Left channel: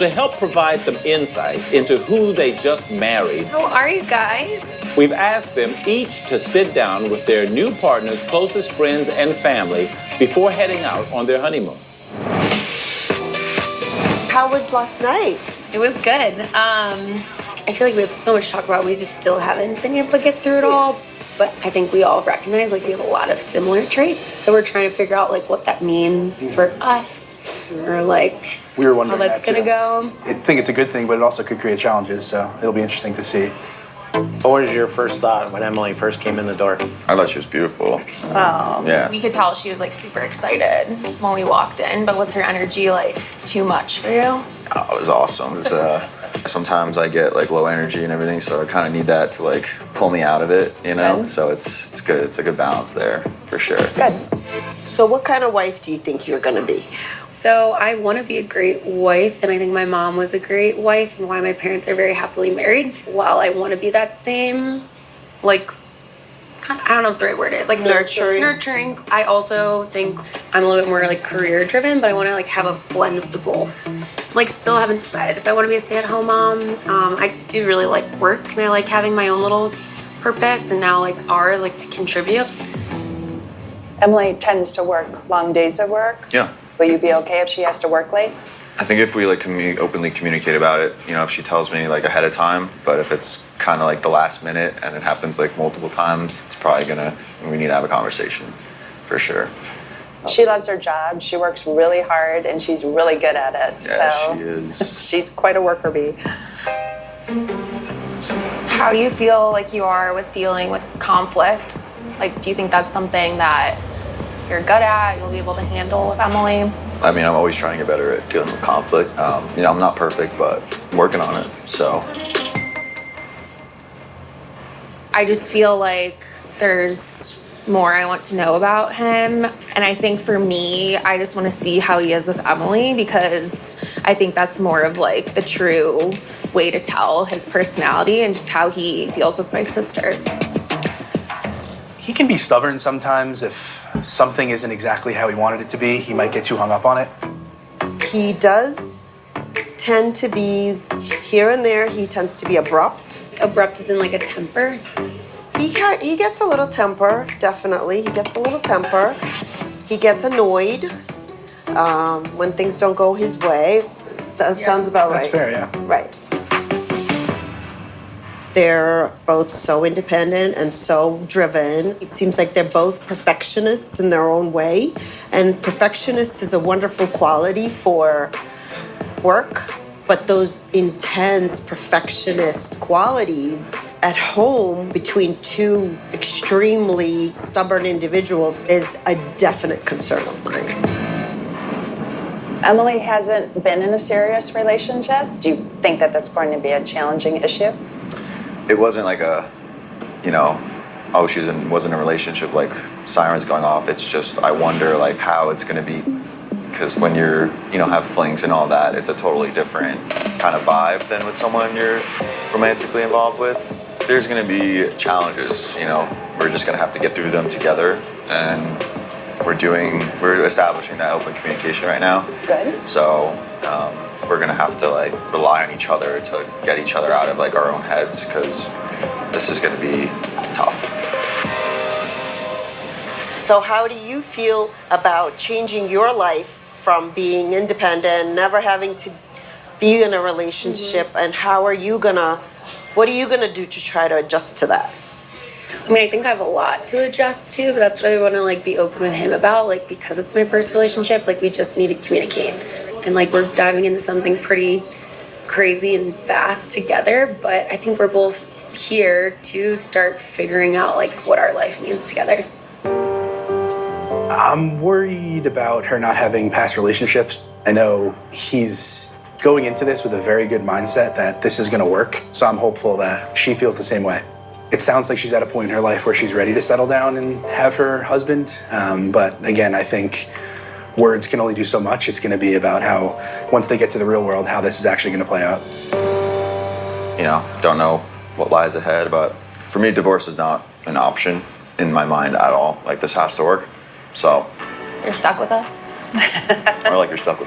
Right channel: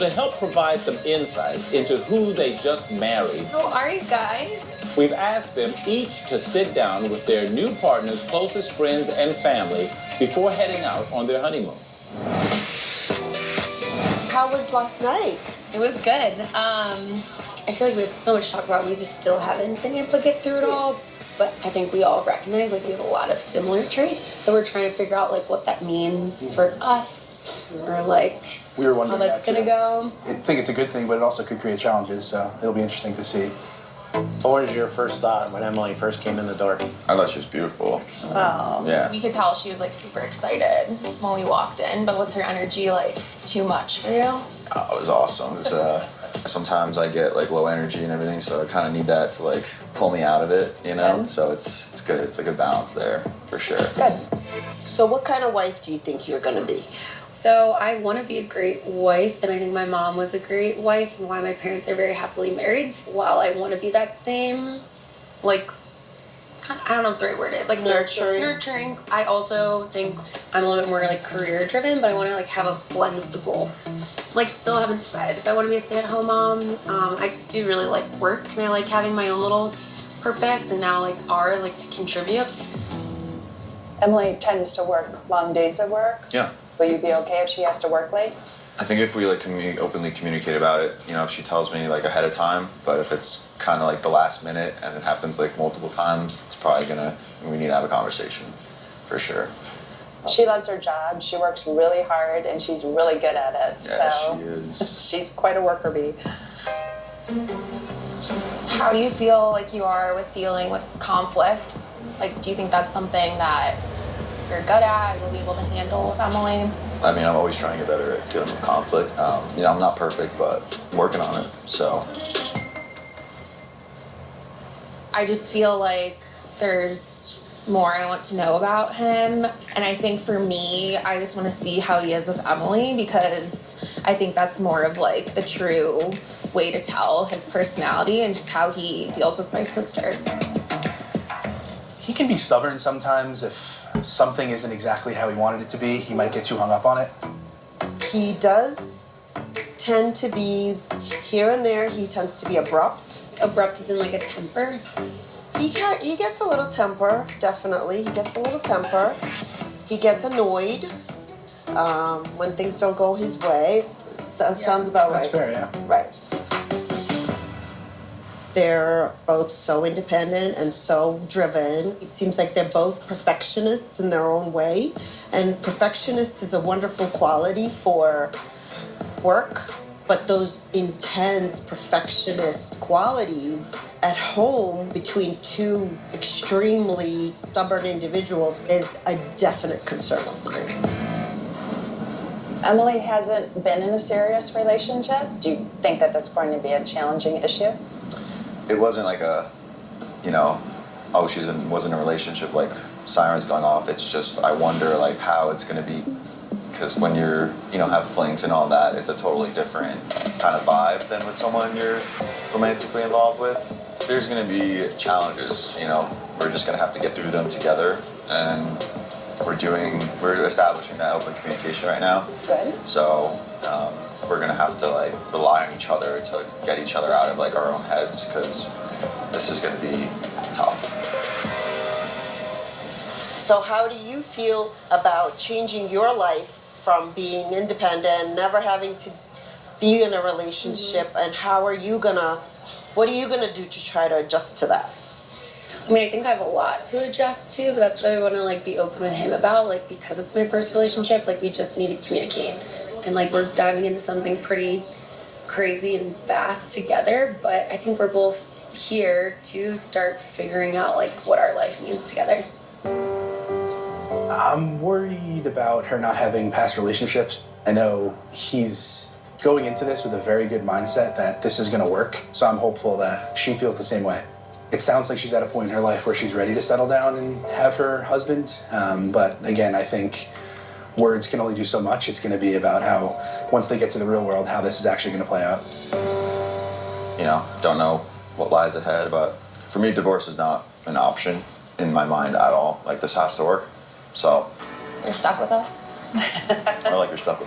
To help provide some insight into who they just married, How are you guys? we've asked them each to sit down with their new partner's closest friends and family before heading out on their honeymoon. How was last night? It was good. I feel like we have so much to talk about. We just still haven't been able to get through it all. But I think we all recognize like we have a lot of similar traits. So we're trying to figure out like what that means for us. Or like we were wondering how that's gonna go. I think it's a good thing, but it also could create challenges, so it'll be interesting to see. What was your first thought when Emily first came in the door? I thought she was beautiful. Oh. Yeah. We could tell she was like super excited when we walked in, but was her energy like too much for you? Oh, it was awesome. It was, sometimes I get like low energy and everything, so I kind of need that to like pull me out of it, you know? Good. So it's good. It's a good balance there for sure. Good. So what kind of wife do you think you're going to be? So I want to be a great wife, and I think my mom was a great wife, and why my parents are very happily married. While I want to be that same, like, I don't know what the right word is, like nurturing. I also think I'm a little bit more like career driven, but I want to like have a blend of the both. Like, still haven't decided if I want to be a stay-at-home mom. I just do really like work, and I like having my own little purpose, and now like ours, like to contribute. Emily tends to work long days of work. Yeah. Will you be okay if she has to work late? I think if we like openly communicate about it, you know, if she tells me like ahead of time, but if it's kind of like the last minute and it happens like multiple times, it's probably we need to have a conversation for sure. She loves her job. She works really hard and she's really good at it. Yeah, so she is. She's quite a worker bee. How do you feel like you are with dealing with conflict? Like, do you think that's something that you're good at, you'll be able to handle with Emily? I mean, I'm always trying to get better at dealing with conflict. You know, I'm not perfect, but I'm working on it, so. I just feel like there's more I want to know about him. And I think for me, I just want to see how he is with Emily, because I think that's more of like the true way to tell his personality and just how he deals with my sister. He can be stubborn sometimes. If something isn't exactly how he wanted it to be, he might get too hung up on it. He does tend to be, here and there, he tends to be abrupt. Abrupt is in like a temper. He gets a little temper, definitely. He gets a little temper. He gets annoyed when things don't go his way. Sounds about right. That's fair, yeah. Right. They're both so independent and so driven. It seems like they're both perfectionists in their own way. And perfectionist is a wonderful quality for work. But those intense perfectionist qualities at home between two extremely stubborn individuals is a definite concern of mine. Emily hasn't been in a serious relationship. Do you think that that's going to be a challenging issue? It wasn't like a, you know, oh, wasn't in a relationship, like sirens going off. It's just, I wonder like how it's going to be. Because when you're, you know, have flings and all that, it's a totally different kind of vibe than with someone you're romantically involved with. There's going to be challenges, you know. We're just going to have to get through them together. And we're establishing that open communication right now. Good. So we're going to have to, like, rely on each other to get each other out of, like, our own heads, because this is going to be tough. So how do you feel about changing your life from being independent, never having to be in a relationship, and what are you gonna do to try to adjust to that? I mean, I think I have a lot to adjust to, but that's what I want to like be open with him about. Like, because it's my first relationship, like we just need to communicate, and like we're diving into something pretty crazy and fast together. But I think we're both here to start figuring out like what our life means together. I'm worried about her not having past relationships. I know he's going into this with a very good mindset that this is going to work, so I'm hopeful that she feels the same way. It sounds like she's at a point in her life where she's ready to settle down and have her husband, but again, I think words can only do so much. It's going to be about how, once they get to the real world, how this is actually going to play out. You know, don't know what lies ahead, but for me, divorce is not an option in my mind at all. Like, this has to work. So. You're stuck with us? Or like you're stuck with